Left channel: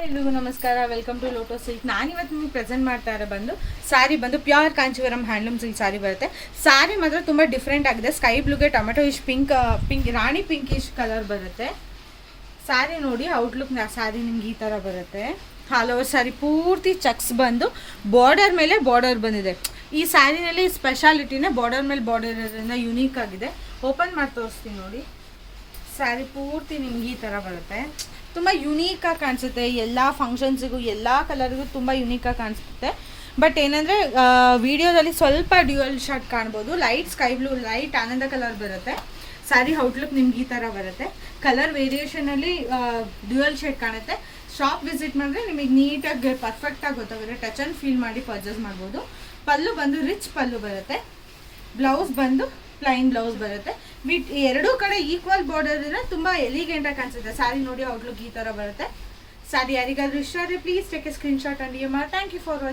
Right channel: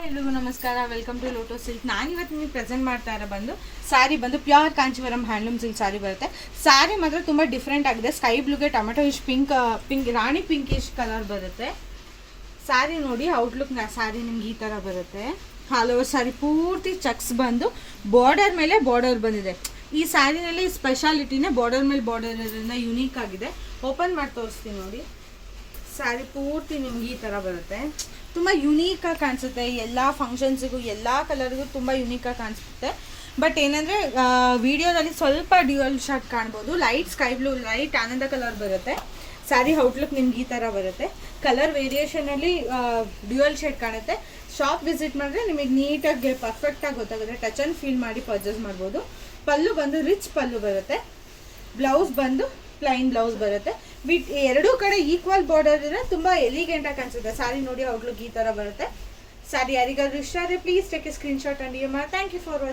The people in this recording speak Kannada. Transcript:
ಎಲ್ರಿಗೂ ನಮಸ್ಕಾರ. Welcome to Lotus Silk. ನಾನಿವತ್ತು ನಿಮಗೆ ಪ್ರೆಸೆಂಟ್ ಮಾಡ್ತಾ ಇರೋ ಸ್ಯಾರಿ ಬಂದು pure Kanjivaram handloom silk sari ಬರುತ್ತೆ. ಸ್ಯಾರಿ ಮಾತ್ರ ತುಂಬ ಡಿಫ್ರೆಂಟ್ ಆಗಿದೆ. ಸ್ಕೈ ಬ್ಲೂಗೆ tomato ish pink rani pink ish colour ಬರುತ್ತೆ. ಸ್ಯಾರಿ ನೋಡಿ ಔಟ್ಲುಕ್ ಸ್ಯಾರಿ ನಿಮ್ಗೆ ಈ ಥರ ಬರುತ್ತೆ. ಆಲ್ ಓವರ್ ಸ್ಯಾರಿ ಪೂರ್ತಿ ಚೆಕ್ಸ್ ಬಂದು ಬಾರ್ಡರ್ ಮೇಲೆ ಬಾರ್ಡರ್ ಬಂದಿದೆ. ಈ ಸ್ಯಾರಿನಲ್ಲಿ ಸ್ಪೆಷಾಲಿಟಿನೇ ಬಾರ್ಡರ್ ಮೇಲೆ ಬಾರ್ಡರ್ ಇರೋದ್ರಿಂದ ಯುನೀಕ್ ಆಗಿದೆ. ಓಪನ್ ಮಾಡಿ ತೋರಿಸ್ತೀನಿ ನೋಡಿ. ಸ್ಯಾರಿ ಪೂರ್ತಿ ನಿಮ್ಗೆ ಈ ಥರ ಬರುತ್ತೆ. ತುಂಬ ಯುನೀಕಾಗಿ ಕಾಣಿಸುತ್ತೆ. ಎಲ್ಲ ಫಂಕ್ಷನ್ಸಿಗೂ ಎಲ್ಲ ಕಲರ್ಗೂ ತುಂಬ ಯುನೀಕಾಗಿ ಕಾಣಿಸುತ್ತೆ. ಬಟ್ ಏನಂದರೆ ವಿಡಿಯೋದಲ್ಲಿ ಸ್ವಲ್ಪ ಡ್ಯೂಯಲ್ ಶಾರ್ಟ್ ಕಾಣ್ಬೋದು. ಲೈಟ್ ಸ್ಕೈ ಬ್ಲೂ, ಲೈಟ್ ಆನಂದ ಕಲರ್ ಬರುತ್ತೆ. ಸ್ಯಾರಿ ಔಟ್ಲುಕ್ ನಿಮ್ಗೆ ಈ ಥರ ಬರುತ್ತೆ. ಕಲರ್ ವೇರಿಯೇಷನಲ್ಲಿ ಡ್ಯೂಯಲ್ ಶೇಡ್ ಕಾಣುತ್ತೆ. ಶಾಪ್ ವಿಸಿಟ್ ಮಾಡಿದ್ರೆ ನಿಮಗೆ ನೀಟಾಗಿ ಪರ್ಫೆಕ್ಟಾಗಿ ಗೊತ್ತಾಗುತ್ತೆ. ಟಚ್ ಆ್ಯಂಡ್ ಫೀಲ್ ಮಾಡಿ ಪರ್ಚೇಸ್ ಮಾಡ್ಬೋದು. ಪಲ್ಲು ಬಂದು ರಿಚ್ ಪಲ್ಲು ಬರುತ್ತೆ. ಬ್ಲೌಸ್ ಬಂದು ಪ್ಲೈನ್ ಬ್ಲೌಸ್ ಬರುತ್ತೆ. ಎರಡೂ ಕಡೆ ಈಕ್ವಲ್ ಬಾರ್ಡರ್ ಇದ್ರೆ ತುಂಬ ಎಲಿಗೆಂಟಾಗಿ ಕಾಣಿಸುತ್ತೆ. ಸ್ಯಾರಿ ನೋಡಿ ಔಟ್ಲುಕ್ ಈ ಥರ ಬರುತ್ತೆ. ಸ್ಯಾರಿ ಯಾರಿಗಾದ್ರೂ ಇಷ್ಟ ಆದರೆ please take a screenshot and thank you for watching.